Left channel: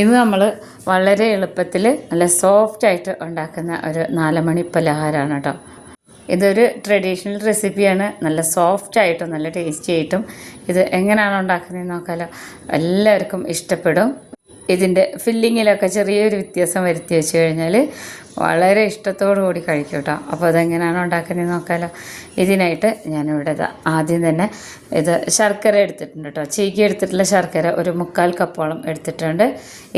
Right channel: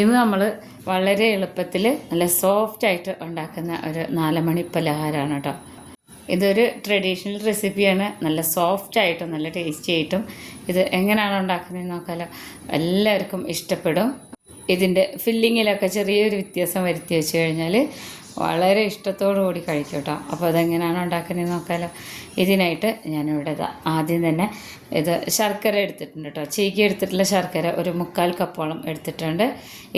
ഇത് നമ്മൾ വളരെ എളുപ്പത്തിൽ നല്ല സോഫ്റ്റ് ആയിട്ട് ഉണ്ടാക്കുന്ന ഒരു നാലുമണി പലഹാരമാണ് കേട്ടോ. ഇതൊരു ട്രഡീഷണൽ റെസിപ്പിയാണ് നല്ല സോഫ്റ്റ് ആയിട്ടും നല്ല ടേസ്റ്റി ആയിട്ടും. ഇത് എങ്ങനെയാണ് ഉണ്ടാക്കുന്നതെന്ന് നോക്കാലോ. എല്ലാവർക്കും ഇഷ്ടപ്പെടും. ഇതിന്റെ ഫില്ലിങ്ങിലൊക്കെ ചെറിയൊരു വ്യത്യാസം വരുത്തി വെച്ച് കഴിഞ്ഞാൽ വളരെ ഇഷ്ടത്തോടു കൂടി കഴിക്കും കേട്ടോ അപ്പോൾ അതെങ്ങനെയാണ് ഉണ്ടാക്കുന്നതെന്ന് നോക്കാലോ. ഇതിനായിട്ട് ഞാനിവിടെ ആദ്യം തന്നെ ഇത് ശർക്കര എടുത്തിട്ടുണ്ട് കേട്ടോ ചീക്കി എടുത്തിട്ടുള്ള ശർക്കര ഒരു മുക്കാൽ കപ്പോളം എടുത്തിട്ടുണ്ട്.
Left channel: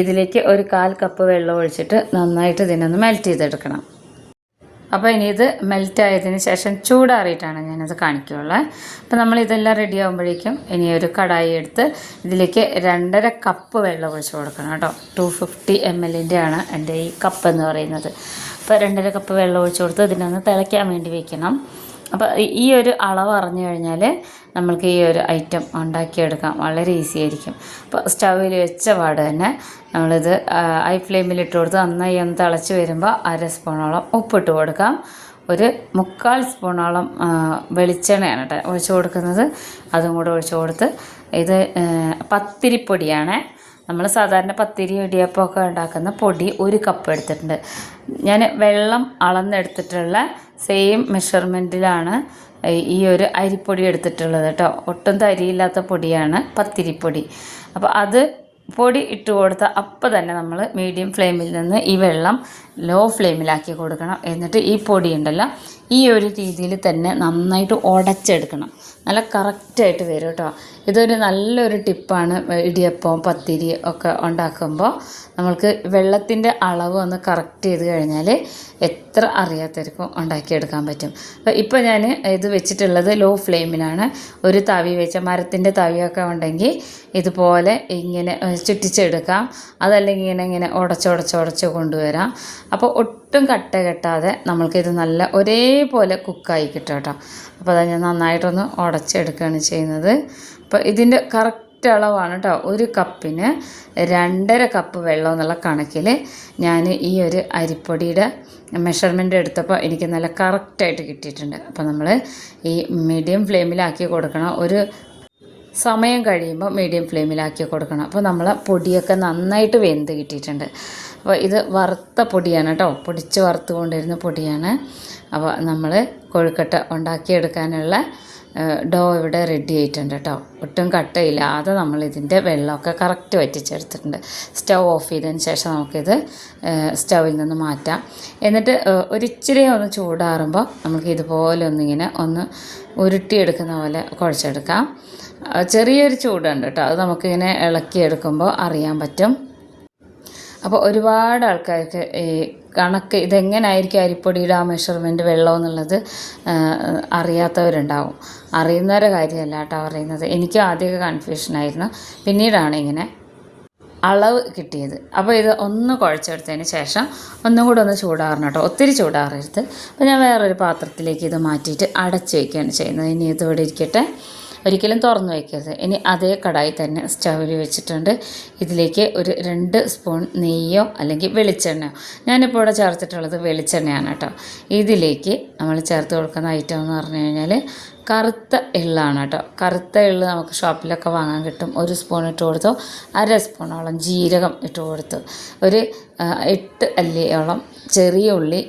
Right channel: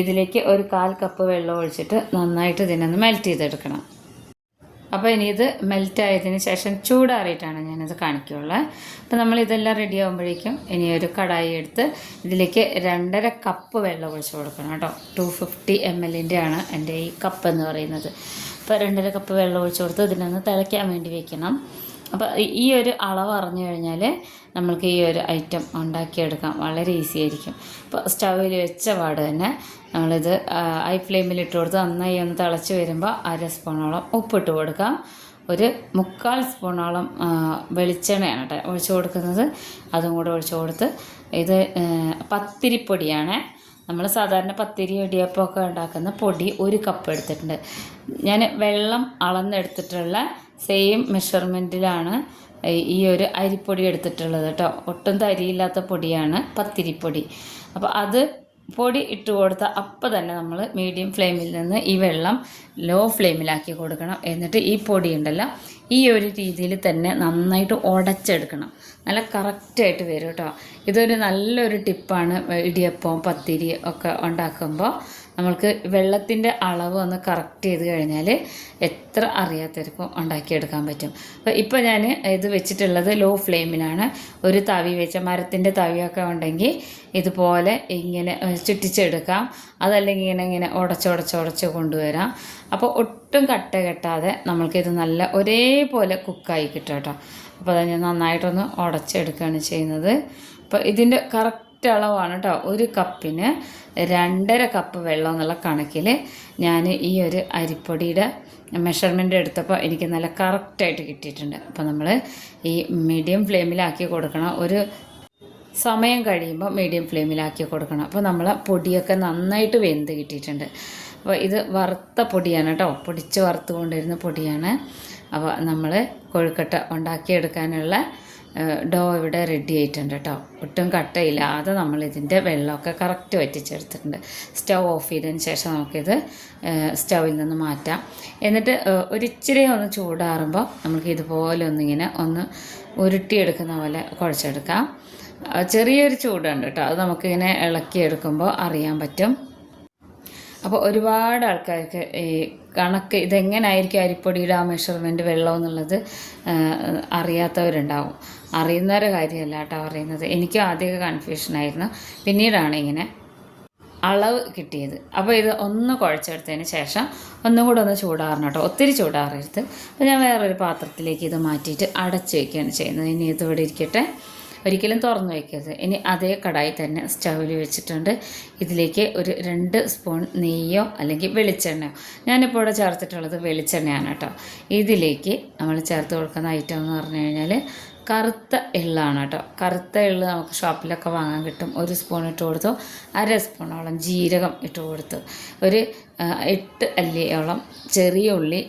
ഇതിലേക്ക് ഒരു കാൽ കപ്പ് വെള്ളം ഒഴിച്ചിട്ട് നന്നായിട്ട് ഇതിനൊന്ന് മെൽറ്റ് ചെയ്തെടുക്കണം. അപ്പോൾ ഇനി ഇത് മെൽറ്റ് ആയതിന് ശേഷം ചൂടാറിയിട്ടാണ് ഞാനത് കാണിക്കുകയുള്ളത് അപ്പോൾ നമ്മൾ ഇതെല്ലാം റെഡി ആകുമ്പോഴേക്കും ഇനി ഒരു കടായി എടുത്ത് ഇതിലേക്ക് രണ്ടര കപ്പ് വെള്ളം ഒഴിച്ച് കൊടുക്കണം കേട്ടോ. ടു ഫിഫ്റ്റി എം എല്ലിന്റെ ആണ് എന്റെ ഈ കപ്പ് എന്ന് പറയുന്നത്. അപ്പോൾ രണ്ടര കപ്പ് വെള്ളം ഒഴിച്ച് കൊടുത്ത് ഇതിനൊന്ന് തിളയ്ക്കാൻ വേണ്ടി വെക്കണം. അപ്പോൾ ഈ ഒരു അളവ് അറിഞ്ഞു കഴിഞ്ഞാൽ നമ്മൾക്ക് ഈ ഒരു ഐറ്റം ഉണ്ടാക്കിയെടുക്കാം വളരെ ഈസി ആയിരിക്കും. അപ്പോൾ സ്റ്റൗവിൽ വെച്ച പാട് തന്നെ നമ്മളിത് ഐ ഫ്ലെയിമിൽ ഇട്ട് കൊടുത്ത് നന്നായി ഒന്ന് തിളച്ച് വരുമ്പോൾ അര സ്പൂണോളം ഉപ്പിട്ട് കൊടുക്കാം. ഒരു മുക്കാൽ സ്പൂണോളം വെളിച്ചെണ്ണയാണ് കേട്ടോ ഒഴിച്ചു കൊടുക്കുന്നത്. അതും കൂടെ ഒഴിച്ചു കൊടുത്ത് ഇത് പത്തിരിപ്പൊടിയാണ്. നമ്മൾ സാധാരണ പത്തിരി ഇടിയപ്പമൊക്കെ ഉണ്ടാക്കുന്ന പൊടി ഒരു കപ്പ് എടുത്തിട്ടുണ്ട്. ഞാൻ വെള്ളം അളന്നെടുത്തിട്ടുള്ള സെയിം മെഷർമെന്റിലാണ് ഈ ഒരു അരിപ്പൊടി എടുത്തിട്ടുള്ളത് കേട്ടോ. ഒട്ടും തരിയില്ലാത്ത പൊടിയാണ് പത്തിരിപ്പൊടി. അപ്പോൾ അത് പൊടി ഇട്ട് കൊടുത്ത അപ്പോൾ തന്നെ നമ്മൾ മീഡിയം ഫ്ലെയിമിൽ നിന്ന് ഈ വെള്ളം ലോ ഫ്ലെയിമിലാക്കി കൊടുക്കണം. എന്നിട്ട് ഈ പൊടി ഉണ്ടല്ലോ ഈ ഒരു രീതിയിൽ തന്നെ നന്നായിട്ട് ഉടച്ചെടുക്കണം. നല്ല കറക്റ്റായിട്ട് വരും കേട്ടോ. ഇതൊരു നല്ലൊരു ടിപ്പാണ് ഇടിയപ്പം പത്തിരി ഒക്കെ ഉണ്ടാക്കുമ്പോൾ. നമ്മൾക്ക് വെള്ളത്തിന്റെ അളവ് ഒന്ന് കറക്റ്റ് ചെയ്ത് കഴിഞ്ഞാൽ എത്ര അറിയാത്തവർക്കും ഉണ്ടാക്കിയെടുക്കാൻ പറ്റും. അപ്പോൾ ഇപ്പോൾ ഞാൻ ഇത് വെച്ചിട്ടുള്ളത് ലോ ഫ്ലെയിമിലാണ് ഒരു തവി വെച്ച മരത്തിന്റെ തവിയൊക്കെ ഉണ്ടെങ്കിൽ ഇതുപോലെ ഇങ്ങനെ ചുറ്റിച്ചെടുക്കാം. അതല്ലെങ്കിൽ ഇങ്ങനെ ഇങ്ങനെ ഉടച്ചുടച്ച് ഉടച്ച് കൊണ്ടുവരാം. അപ്പോൾ ഒട്ടും കട്ട കെട്ടാതെ നമ്മൾക്കിത് നല്ല ഒരേപോലെ കുക്കായി കിട്ടും കേട്ടോ. അപ്പോൾ അത് ഞാൻ നന്നായിട്ടൊന്ന് ഉടച്ചെടുക്കുകയാണ് ചെയ്യുന്നത്. അപ്പോൾ ഇതിന്റെ കറക്റ്റ് അളവാണ് കേട്ടോ ഒരു കപ്പിന് രണ്ടര കപ്പ് വെള്ളം എന്നുള്ള കണക്കിൽ ഞാൻ ഈ ഒരു അരിപ്പൊടിയുടെ മെഷർമെന്റ് എടുത്തപ്പോൾ എനിക്ക് നല്ല കറക്റ്റായിട്ട് കിട്ടിയിട്ടുണ്ട്. അപ്പോൾ നമ്മൾ ഈ മീഡിയം ഫ്ലെയിമിലാക്കി കൊടുക്കണം. ഒരു സമയം കഴിയുമ്പോൾ മീഡിയം ഫ്ലെയിമിലാക്കി കൊടുക്കണം. അപ്പോൾ നമ്മൾ പൊടിയൊക്കെ നന്നായിട്ട് വെന്ത് കിട്ടിയിട്ടുണ്ട്. അപ്പോൾ ഇത് വറുത്ത പൊടിയാണ് കേട്ടോ. പൊടിച്ച് വറുത്ത് കൊണ്ടിരുന്ന പൊടിയാണ്. അപ്പോൾ നമ്മൾ കൊഴുക്കട്ട ഉണ്ടാക്കിയെടുക്കാനുള്ള ഡോ ഇവിടെ റെഡി ആയിട്ടുണ്ട് കേട്ടോ ഒട്ടും കട്ടയില്ലാതെ നമ്മൾ ഇതിന്റെ വെള്ളമൊക്കെ കറക്റ്റ് വറ്റിച്ചെടുത്തിട്ടുണ്ട്. സ്റ്റൗ ഓഫ് ചെയ്തതിന് ശേഷം നമുക്കിത് സ്റ്റൗവിൽ നിന്ന് മാറ്റാം. എന്നിട്ട് ഒരിച്ചിരി ഒന്ന് ചൂടാറുമ്പോൾ നമുക്ക് ഇതുപോലെ ഒന്നിങ്ങനെ ഒന്ന് ഉരുട്ടിയെടുക്കുന്ന പോലെ കുഴച്ചെടുക്കാം. ചെറിയൊരു ചൂടുണ്ട് കേട്ടോ അത് നമുക്കിങ്ങനെ ഇളക്കിയെടുക്കുമ്പോൾ അറിയാൻ പറ്റും. അപ്പോൾ ഒരുപാട് ആൾക്കാർക്ക് ഈ കണക്ക് ഇതെങ്ങനായിരിക്കും അരിപ്പൊടിയുടെ ആ മെഷർമെന്റ് വെള്ളം എന്നുള്ളത് അറിയാത്തവരുണ്ടാവും. അറിയുന്നവരുടെ കാര്യമല്ല കേട്ടോ അറിയുന്നത്. എനിക്ക് ആദ്യമൊക്കെ കൺഫ്യൂഷനായിരുന്നു പിന്നീടാണ് ഇങ്ങനെ അളവ് കിട്ടിയത്. അപ്പോൾ ഇത് ഒന്ന് കുഴച്ചെടുത്തതിന് ശേഷം ഒന്നും കൂടെ ഒന്ന് ചൂടാറണം കേട്ടോ. ഒത്തിരി ചൂടാറരുത്. അപ്പോൾ ഞാൻ വേറൊരു പാത്രത്തിലേക്ക് ഇത് മാറ്റിയിട്ട് അടച്ച് വയ്ക്കുകയാണ് ചെയ്യുന്നത്. ഇനി ഇതോടെ ഇരിക്കട്ടെ. ഒരിക്കലും തുറന്ന് വയ്ക്കരുത്. ഇനി അതേ കടായി തന്നെ സ്റ്റൗവിൽ വെച്ചിട്ടുണ്ട്. ഇതിലേക്ക് ഒരു രണ്ട് സ്പൂൺ നെയ്യോ അല്ലെങ്കിൽ വെളിച്ചെണ്ണയോ. ഞാനിപ്പോൾ ഇവിടെ ചേർത്തിട്ടുള്ളത് വെളിച്ചെണ്ണയാണ് കേട്ടോ. ഇതിലേക്ക് നമ്മൾ ചേർത്ത് കൊടുക്കുന്ന ഐറ്റം എന്ന് പറഞ്ഞു കഴിഞ്ഞാൽ കറുത്ത എള്ളാണ് കേട്ടോ. കറുത്ത എള്ള് നമുക്ക് ഷോപ്പിലൊക്കെ വാങ്ങാൻ കിട്ടും. ഒരു സ്പൂൺ ഇട്ട് കൊടുത്തു. അര സ്പൂണോളം ജീരകം ഇട്ട് കൊടുത്തു. ഒരു എട്ട് അല്ലിയോളം ചെറിയ ഉള്ളി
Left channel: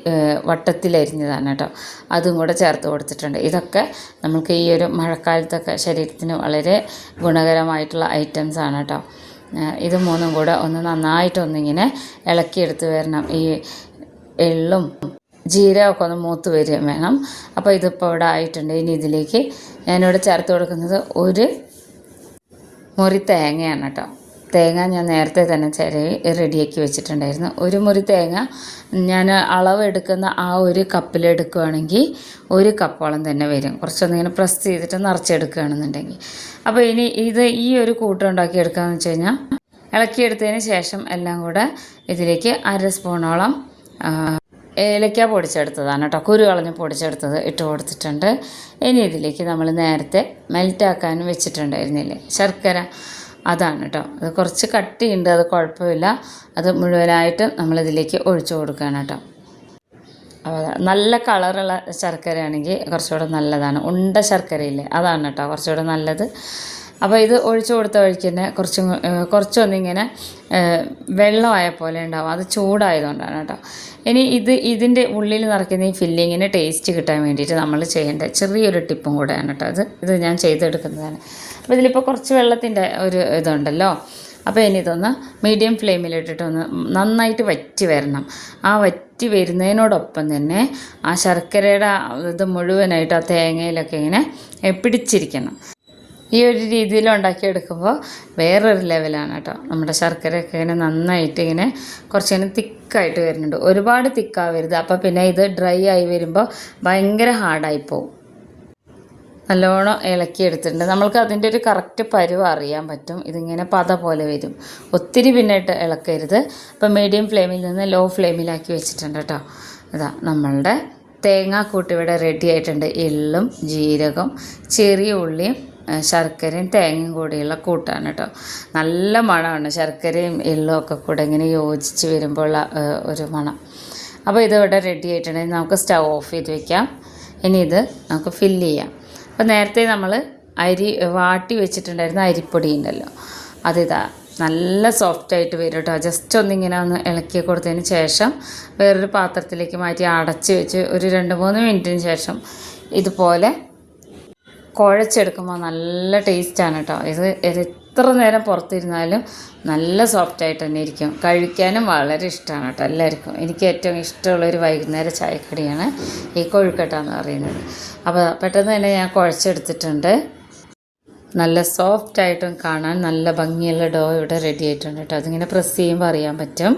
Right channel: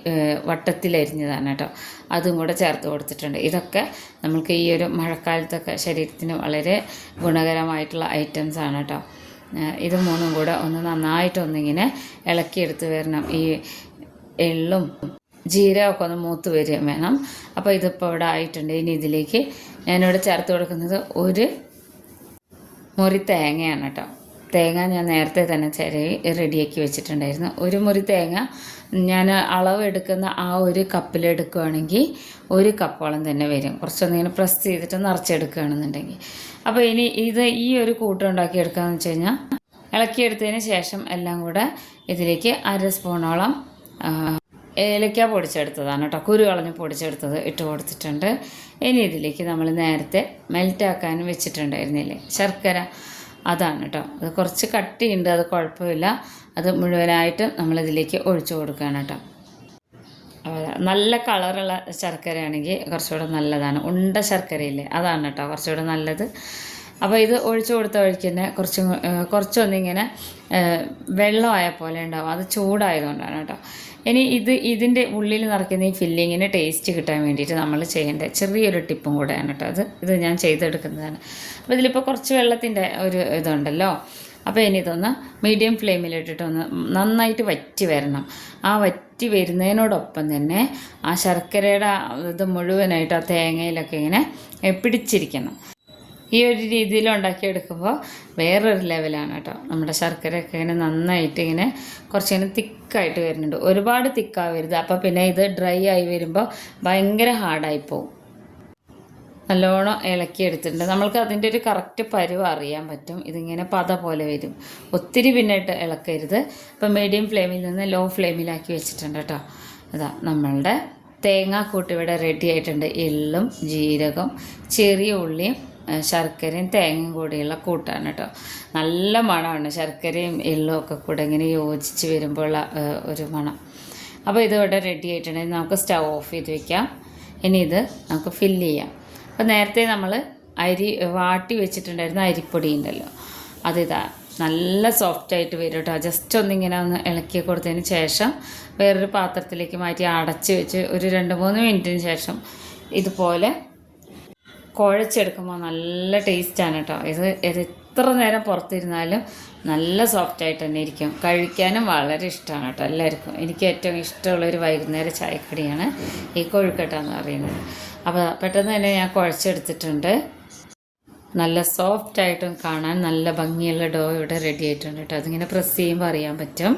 വട്ടത്തിലരിഞ്ഞതാണ് കേട്ടോ. അതും കൂടെ ചേർത്ത് കൊടുത്തിട്ടുണ്ട്. ഇതൊക്കെ നമുക്ക് ഈ ഒരു മഴക്കാലത്തൊക്കെ ശരീരത്തിന് വളരെ ഗുണകരമായിട്ടുള്ള ഐറ്റംസ് ആണ് കേട്ടോ. ഇത് മൂന്നും കൂടെ ഒന്ന് നന്നായിട്ടൊന്നിങ്ങനെ ഇളക്കിയെടുത്ത് വരണം. ഈ എള്ളും ജീരകമൊക്കെ ഒന്ന് മൂത്ത് വരികയും വേണം. അപ്പോൾ ഇതിപ്പോൾ ഇവിടെ ആയിട്ടുണ്ട്. ഇനി ഇതിലേക്ക് ഞാനിവിടെ ചേർത്ത് കൊടുക്കുന്നത് ഒരു മുറി തേങ്ങയാണ് കേട്ടോ. തേങ്ങ ഞാൻ നേരത്തെ തന്നെ ചിരവി റെഡിയാക്കി വെച്ചിട്ടുണ്ടായിരുന്നു. ഒരു മുറി തേങ്ങ ഞാൻ അളവ് എടുക്കുന്ന ആ ഒരു കപ്പിലെടുക്കുകയാണെങ്കിൽ ഒരു കപ്പോളം തന്നെ വരും. കുറച്ചൊന്നിങ്ങനെ പ്രസ് ചെയ്തിട്ട് നിറച്ചെടുക്കുകയാണെന്നുണ്ടെങ്കിൽ. അപ്പോൾ ഇനി ഇത് ഈ ഒരു കൂട്ടം എടുക്കുകയെന്ന് വെച്ച് കഴിഞ്ഞാൽ ഇളക്കിയെടുത്തതിന് ശേഷം എല്ലാം കൂടെ ഇതിലേക്ക് അര സ്പൂണോളം ഏലക്ക പൊടിച്ചെടുത്തതാണ് കേട്ടോ. കുരു കളഞ്ഞ് പൊടിച്ചെടുത്തത് ഇട്ട് കൊടുത്തിട്ടുണ്ട്. ഇനി ഇതിലേക്ക് നമ്മൾ നേരത്തെ മെൽറ്റാക്കാൻ വെച്ചിട്ടുണ്ടായിരുന്നില്ലേ? ശർക്കര. അതാണ് കേട്ടോ. അത് കുറച്ച് കട്ടിയുണ്ട് അത് കുഴപ്പമില്ല. അത് മുഴുവനായിട്ട് നമ്മളിതിലേക്ക് ഒഴിച്ചു കൊടുക്കുകയാണ് കേട്ടോ. നല്ല കളറുള്ള ശർക്കരയാണെങ്കിൽ കുറച്ചുകൂടെ നല്ലതാണ്. ഉണ്ട ശർക്കരയില്ലേ അതാണ് കേട്ടോ കുറച്ചുകൂടെ നല്ലത്. അപ്പോൾ ഇത് ഒഴിച്ചു കൊടുത്ത വഴിക്ക് തന്നെ കുറച്ചും കുറച്ചൊന്നിങ്ങനെ വെള്ളമായ പോലെ ഉണ്ടാവും. അത് ചൂടായതുകൊണ്ടാണ് കേട്ടോ. ഇനി ഇത് ഇതിന്റെ ഉള്ളിൽ നിറയ്ക്കുന്ന ഈ ഫില്ലിങ്ങിന് ടേസ്റ്റ് കിട്ടാൻ വേണ്ടിയിട്ട് നമ്മൾ ചെയ്യേണ്ട ചെറിയൊരു ടിപ്പും കൂടെയാണ് കേട്ടോ അത് ഇത് ഞാൻ ചെയ്തെടുക്കുന്നതാണ്. അപ്പോൾ ഇതിലിപ്പോൾ കുറച്ച് വെള്ളത്തിന്റെ ഒരു ഇതുണ്ടല്ലോ. അപ്പോൾ ഇനി ഇതൊന്ന് മീഡിയം ഫ്ലെയിമിലിട്ടിട്ടൊന്ന് നന്നായിട്ട് വറ്റി വരണം. ആ വറ്റി വരുന്നതിനോടൊപ്പം തന്നെ ആ ശർക്കരയുടെ ഇത് മുഴുവനായിട്ട് ആ തേങ്ങയിലൊക്കെ ഇങ്ങനെ പിടിച്ചിരിക്കണം. ഈ ഒരു രീതിയിൽ ഉണ്ടാക്കിയെടുക്കുമ്പോൾ വേറൊരു ലെവലാണ് കേട്ടോ. നമ്മുടെ ശർക്കരയൊക്കെ ഇങ്ങനെ നന്നായിട്ട് ഇങ്ങനെ കുറച്ചിങ്ങനെ തിക്കായിട്ട് വരുന്നുണ്ട്. ഒരുപാട് തിക്കാവരുത്. അപ്പോൾ പിന്നെ ഇത് ഡ്രൈ ആയി വരുമ്പോൾ ഭയങ്കര ഹാർഡായി പോകും നല്ലോണം ഇളക്കി എടുത്തിട്ടുണ്ട്. നമ്മൾക്ക് അതിന്റെ ഒരു കറക്റ്റ് പരുവ് അറിയാൻ പറ്റും. ഇതിങ്ങനെ പത പോലെ വരും. ഒത്തിരി പിന്നിട്ട് ഇളക്കരുത്. അപ്പം മീഡിയം ഫ്ലെയിമിൽ നിന്ന് ലോ ഫ്ലെയിമിലാക്കി വെച്ചിട്ടുണ്ട് കേട്ടോ. അതാ നമ്മളുടെ തേങ്ങാക്കൂട്ട് ഇവിടെ റെഡി ആയിട്ടുണ്ട്. എള്ളും ജീരകം ചെറിയ ഉള്ളിയും ശർക്കരയും തേങ്ങയും കൂടിയുള്ള കൂട്ടാണ് കേട്ടോ. നല്ല മണമാണ്. ശർക്കരയും എള്ളും ഒക്കെ കൂടെ ഇങ്ങനെ യോജിച്ച് വരുമ്പോൾ ഒരു മണം. അപ്പോൾ ഇതിവിടെ റെഡി ആയിട്ടുണ്ടെങ്കിൽ നമുക്ക് സ്റ്റൗ ഓഫ് ചെയ്ത് വെക്കാം. ഇനി ഇത് നമുക്ക് ഫില്ല് ചെയ്യാം. അപ്പോൾ നേരത്തെ നമ്മൾ അരി വാട്ടി വെച്ചിട്ടുണ്ടായിരുന്ന അരിപ്പൊടി ഉണ്ടല്ലോ. അതിതാ നല്ല സോഫ്റ്റായിട്ട് വരും കേട്ടോ ജസ്റ്റ് ഒന്നിങ്ങനെ ഒന്ന് ഇളക്കി കൊടുത്തതിന് ശേഷം വേറൊരു പാത്രത്തിലേക്ക് മാറ്റി അടച്ച് വെച്ച് ഒരു രണ്ട് മൂന്ന് മിനിറ്റിന് ശേഷം ഇതുപോലെ കുഴച്ചെടുക്കുമ്പോൾ നല്ല ടേസ്റ്റാണ് കേട്ടോ ഇത് എത്ര നേരം പുറത്തിരുന്നാലും നല്ല സോഫ്റ്റ് ആയിട്ട് തന്നെ ഇരിക്കും. കഴിക്കാനും വളരെ ഇഷ്ടമാണ് കേട്ടോ എല്ലാവർക്കും. എനിക്ക് ഏറ്റവും ഇഷ്ടമുള്ള ഒരു വൈകുന്നേര ചായക്കടിയാണ് ഈ കൊഴുക്കട്ട എന്ന് പറയുന്നത്. അപ്പോൾ പെട്ടെന്ന് തന്നെ ഞാൻ കുഴച്ചെടുത്തിട്ടുണ്ട്. നല്ല സോഫ്റ്റ് ആയിട്ടും കാണാൻ നല്ല ഭംഗിയുള്ള ഡോ ഇവിടെ റെഡി ആയിട്ടുണ്ട് കേട്ടോ. അതിങ്ങനെ പ്രസ് ചെയ്യുമ്പോൾ അറിയാൻ പറ്റും.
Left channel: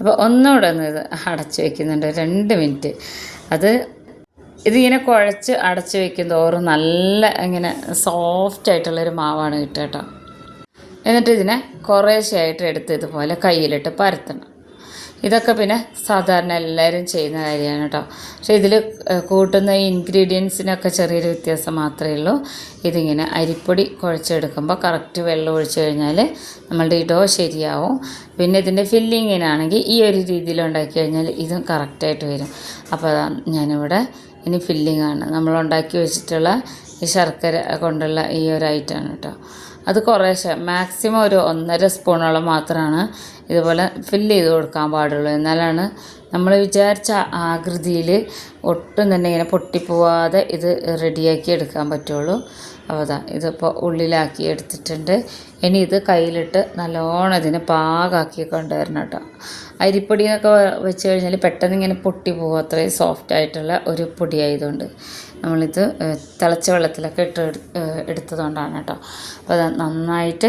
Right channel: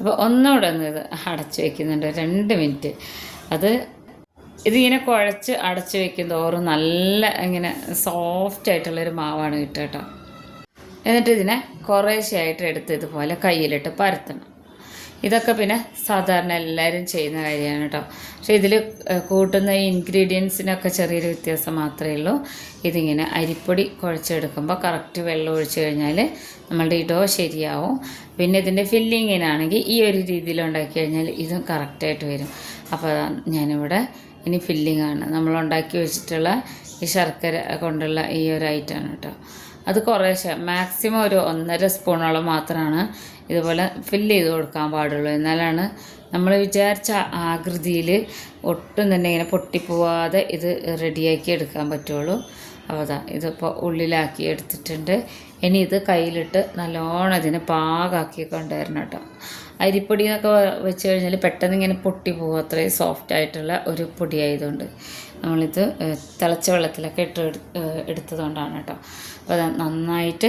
അപ്പോൾ ഒന്നുകൂടെ ഒന്ന് ഇത് അടച്ച് വയ്ക്കുന്നുണ്ട് രണ്ട് മിനിറ്റ് അത് ഇതിങ്ങനെ കുഴച്ച് അടച്ച് വയ്ക്കും തോറും നല്ല ഇങ്ങനെ സോഫ്റ്റ് ആയിട്ടുള്ളൊരു മാവാണ് കിട്ടുക കേട്ടോ. എന്നിട്ട് ഇതിനെ കുറേശ്ശെയായിട്ട് എടുത്ത് ഇതുപോലെ കയ്യിലിട്ട് പരത്തണം. ഇതൊക്കെ പിന്നെ സാധാരണ എല്ലാവരും ചെയ്യുന്ന കാര്യമാണ് കേട്ടോ. പക്ഷേ ഇതിൽ കൂട്ടുന്ന ഇൻഗ്രീഡിയൻസിനൊക്കെ ചെറിയൊരു വ്യത്യാസം മാത്രമേ ഉള്ളൂ. ഇതിങ്ങനെ അരിപ്പൊടി കുഴച്ചെടുക്കുമ്പോൾ കറക്റ്റ് വെള്ളം ഒഴിച്ച് കഴിഞ്ഞാൽ നമ്മളുടെ ഈ ശരിയാവും. പിന്നെ ഇതിന്റെ ഫില്ലിങ്ങിനാണെങ്കിൽ ഈ ഒരു രീതിയിൽ ഉണ്ടാക്കി കഴിഞ്ഞാൽ ഇതും കറക്റ്റായിട്ട് വരും. അപ്പോൾ ഞാനിവിടെ ഇനി ഫില്ലിങ്ങാണ്. ഉണ്ടാക്കി വെച്ചിട്ടുള്ള ഈ ശർക്കര കൊണ്ടുള്ള ഈ ഒരു ഐറ്റമാണ് കേട്ടോ. അത് കുറേശ്ശെ. മാക്സിമം ഒരു ഒന്നര സ്പൂണോളം മാത്രമാണ് ഇതുപോലെ ഫില്ല് ചെയ്ത് കൊടുക്കാൻ പാടുള്ളൂ. എന്നാലാണ് നമ്മൾ വിചാരിച്ച ആകൃതിയിൽ ഒട്ടും തന്നെ ഇങ്ങനെ പൊട്ടിപ്പോവാതെ ഇത് റെഡിയാക്കി എടുക്കാൻ പറ്റുള്ളൂ. അപ്പോൾ അതാ ഇതിപ്പോൾ ഉള്ളിലാക്കി എടുത്തിട്ടുണ്ട്. ഇനി ഇത് കയ്യിലിട്ട് നല്ലോണം ഇതിനെ പാകാക്കി കൊണ്ടുവരണം കേട്ടോ. അരിപ്പൊടി വെച്ച് കഴിഞ്ഞാൽ പെട്ടെന്ന് ഇങ്ങനെ പൊട്ടി പോകും അത്രയും സോഫ്റ്റ് ആയിട്ടുള്ള ഒരു പൊടി ആയതുകൊണ്ട്. നമ്മളിത് തിളച്ച വെള്ളത്തിലൊക്കെ ഇട്ട് എടു- എടുത്തതുകൊണ്ടാണ് കേട്ടോ. അപ്പോൾ നന്നായിട്ട്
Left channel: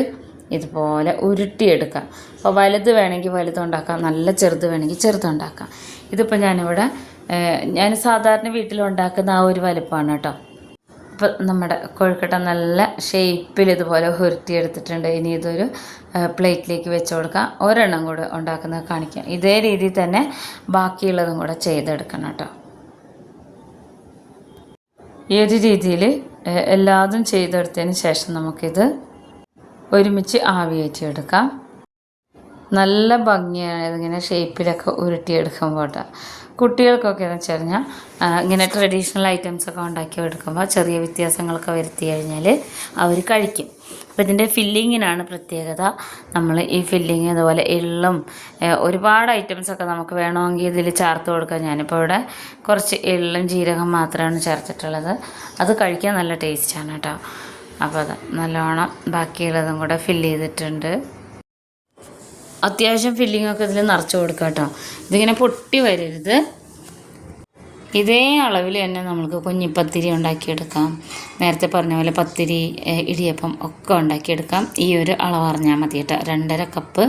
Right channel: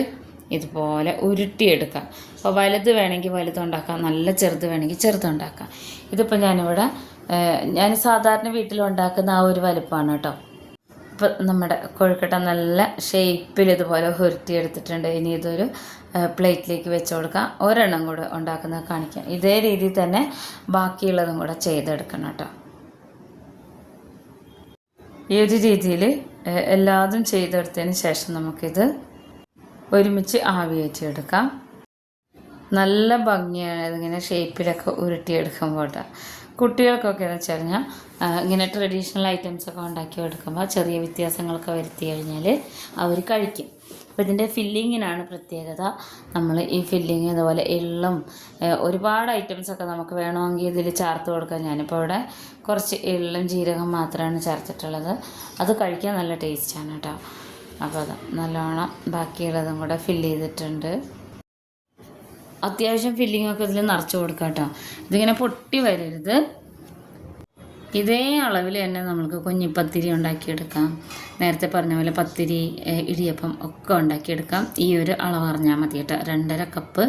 ഇതുപോലെ ഉരുട്ടിയെടുക്കാം. അപ്പോൾ വലുത് വേണമെങ്കിൽ വലുതുണ്ടാക്കാം നല്ല ചെറുത് വേണമെങ്കിൽ ചെറുതുണ്ടാക്കാം ഇതിപ്പോൾ ഞാനിവിടെ ഞാൻ സാധാരണ വീട്ടിലുണ്ടാക്കുന്ന ആ ഒരു വലുപ്പമാണ് കേട്ടോ. ഇപ്പം നമ്മുടെ കൊഴുക്കട്ട നല്ല ഷേപ്പിൽ ഇതുപോലെ ഉരുത്തിയെടുത്തിട്ടുണ്ട് ഇനി ഇതൊരു പ്ലേറ്റിലേക്ക് വെച്ച് കൊടുക്കാം. ഒരെണ്ണം കൂടെ ഉണ്ടാക്കുന്നത് കാണിക്കാം. ഇതേ രീതിയിൽ തന്നെ ബാക്കിയുള്ളതും കൂടെ ചെയ്തെടുക്കണം കേട്ടോ. ഈ ഒരു രീതിയിൽ എല്ലാതും ചെയ്തെടുത്തതിന് ശേഷം നമുക്കിത് ഒരുമിച്ച് ആവിയേറ്റിയെടുക്കാം. നല്ല ഭംഗിയാണ് ഇതിങ്ങനെ ഷേപ്പിലൊക്കെ ഉരുട്ടിയെടുക്കുമ്പോൾ കേട്ടോ കുട്ടികൾക്കൊക്കെ എന്ന് വെച്ച് കഴിഞ്ഞാൽ ഇങ്ങനെ ട്രഡീഷണൽ ഐറ്റംസ് ഒക്കെ ഉണ്ടാക്കി എടുക്കുമ്പോൾ ചെറിയ വ്യത്യാസങ്ങളൊക്കെ വരുത്തി കഴിഞ്ഞാൽ അവർ കഴിക്കും. അപ്പോൾ ഇതിന്റെ ഫില്ലിങ്ങിനാണ് പ്രത്യേകത. നമ്മൾ ഈ ഫില്ലിങ് അതുപോലെ എള്ളും ഒരുപാട് ഐറ്റംസൊക്കെ നമുക്ക് വേണമെങ്കിൽ ഇതിൽ ചേർത്ത് കൊടുക്കാം. ഞാനിപ്പോൾ ഇവിടെ കുറച്ച് എള്ളും ജീരകം മാത്രമാണ് ചേർത്തിട്ടുള്ളത്. അത് കഴിക്കാൻ നല്ല ടേസ്റ്റാണ് കേട്ടോ അപ്പോൾ അത് നല്ലോണം ബാക്കിയുള്ളതും കൂടെ ഫില്ല് ചെയ്തിട്ടുണ്ട്. അത്യാവശ്യം ഫില്ലിങ്ങൊക്കെ ഇതിൽ നിറച്ച് കൊടുക്കാം കേട്ടോ ഇതിങ്ങനെ പൊട്ടി വരരുത്. ഇതേ അളവിൽ തന്നെ നമുക്ക് കുഞ്ഞിപ്പത്തിരി ഉണ്ടാക്കിയെടുക്കാം. നേരത്തെ പറഞ്ഞ പോലെ പത്തിരി ഇടിയപ്പം ഒക്കെ ഉണ്ടാക്കിയെടുക്കാം. ഈ ഒരു അളവ് അറിഞ്ഞാൽ മതി കേട്ടോ. രണ്ടര കപ്പ്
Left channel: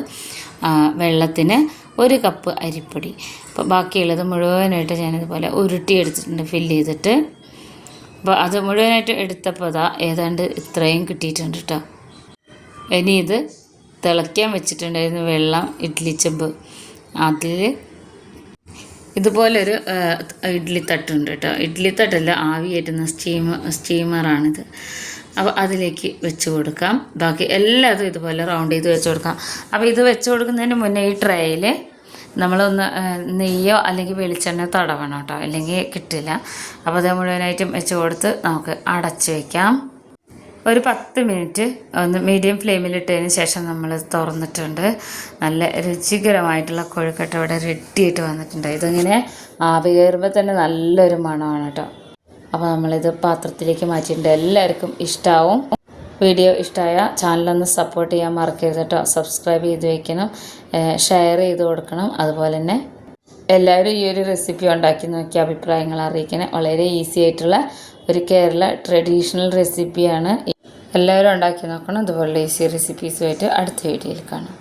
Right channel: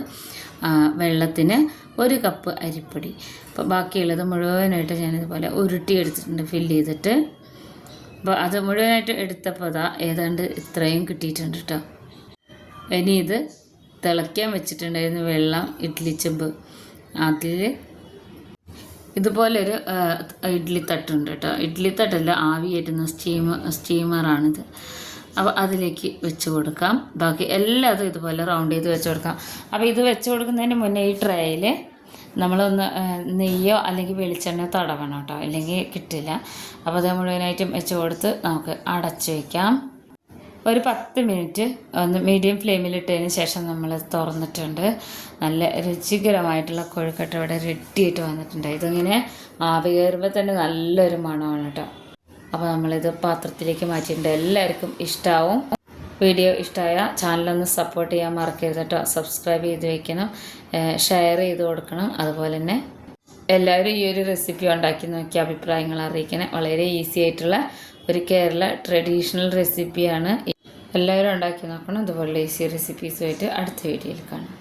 വെള്ളത്തിന് ഒരു കപ്പ് അരിപ്പൊടി. അപ്പോൾ ബാക്കിയുള്ളത് മുഴുവനായിട്ട് ഞാനിതുപോലെ ഉരുട്ടി എടുത്തിട്ടുണ്ട് ഫില്ല് ചെയ്തിട്ട്. അപ്പോൾ അത് മുഴുവനായിട്ട് എടുത്തപ്പോൾ അതാ ഏതാണ്ട് ഇത്രയും കിട്ടിയിട്ടുണ്ട് കേട്ടോ. ഇനി ഇത് തിളയ്ക്കാൻ വെച്ചിട്ടുണ്ടായിരുന്നു വെള്ളം ഇഡ്ഡലി ചെമ്പ്. അതിൽ ഇതുപോലൊരു ഇഡ്ഡലി തട്ടുണ്ട് കേട്ടോ. ഇഡ്ഡലി തട്ടല്ല ആവി സ്റ്റീം സ്റ്റീമറാണിത്. അപ്പോൾ അതിലേക്ക് വെച്ച് കൊടുക്കാം. ബാക്കി എല്ലാതും ഇതുപോലെ റൗണ്ട് ചെയ്ത് വെച്ച് കൊടുക്കാം. അപ്പോൾ ഇത് വെച്ച് കൊടുക്കുന്നതിന് മുന്നേ ഈ ട്രേയിൽ നമ്മളൊന്ന് നെയ്യോ അല്ലെങ്കിൽ വെളിച്ചെണ്ണ തടവണം കേട്ടോ. അല്ലെങ്കിൽ കിട്ടില്ല. അപ്പോൾ അത് മുഴുവനായിട്ടും വെച്ച് കൊടുത്ത് നമുക്ക് അടച്ച് വയ്ക്കാം ഒരു പത്ത് മിനിറ്റ് ഒന്ന് മീഡിയം ഫ്ലെയിമിലിട്ടതിന് ശേഷം നമ്മൾ തുറന്നിട്ടുണ്ട്. നല്ല രുചികരമായിട്ടുള്ള കൊഴുക്കട്ട ഇവിടെ റെഡി ആയിട്ട് വന്നിട്ടുണ്ട്. ഇതിങ്ങനെ ആവി കയറുമ്പോൾ തന്നെ നല്ലൊരു മണമാണ് കേട്ടോ. അപ്പോൾ നമ്മളിത് പാത്രത്തിലേക്ക് മാറ്റിയിട്ടുണ്ട്. എല്ലാവർക്കും ഇഷ്ടമാവും വീഡിയോ ഇഷ്ടമായ ചാനലൊന്ന് സപ്പോർട്ട് ചെയ്യാൻ മറക്കരുത് കേട്ടോ. സബ്സ്ക്രൈബ് ചെയ്ത് വയ്ക്കണം ഷെയർ ചെയ്ത് കൊടുക്കണം. അതുപോലെ തന്നെ എല്ലാവരും ഈ ഒരു റെസിപ്പി ഉണ്ടാക്കി നോക്കി അഭിപ്രായങ്ങൾ അറിയിക്കണം. വളരെ ഈസി ആയിട്ടുള്ള ഒരു കേരള ട്രഡീഷണൽ റെസിപ്പിയാണ് എല്ലാവരും ഉണ്ടാക്കി നോക്കണം. അതുപോലെ ഈസി റെസിപ്പീസുമായിട്ട് അടുത്ത വീഡിയോയിൽ കാണാം.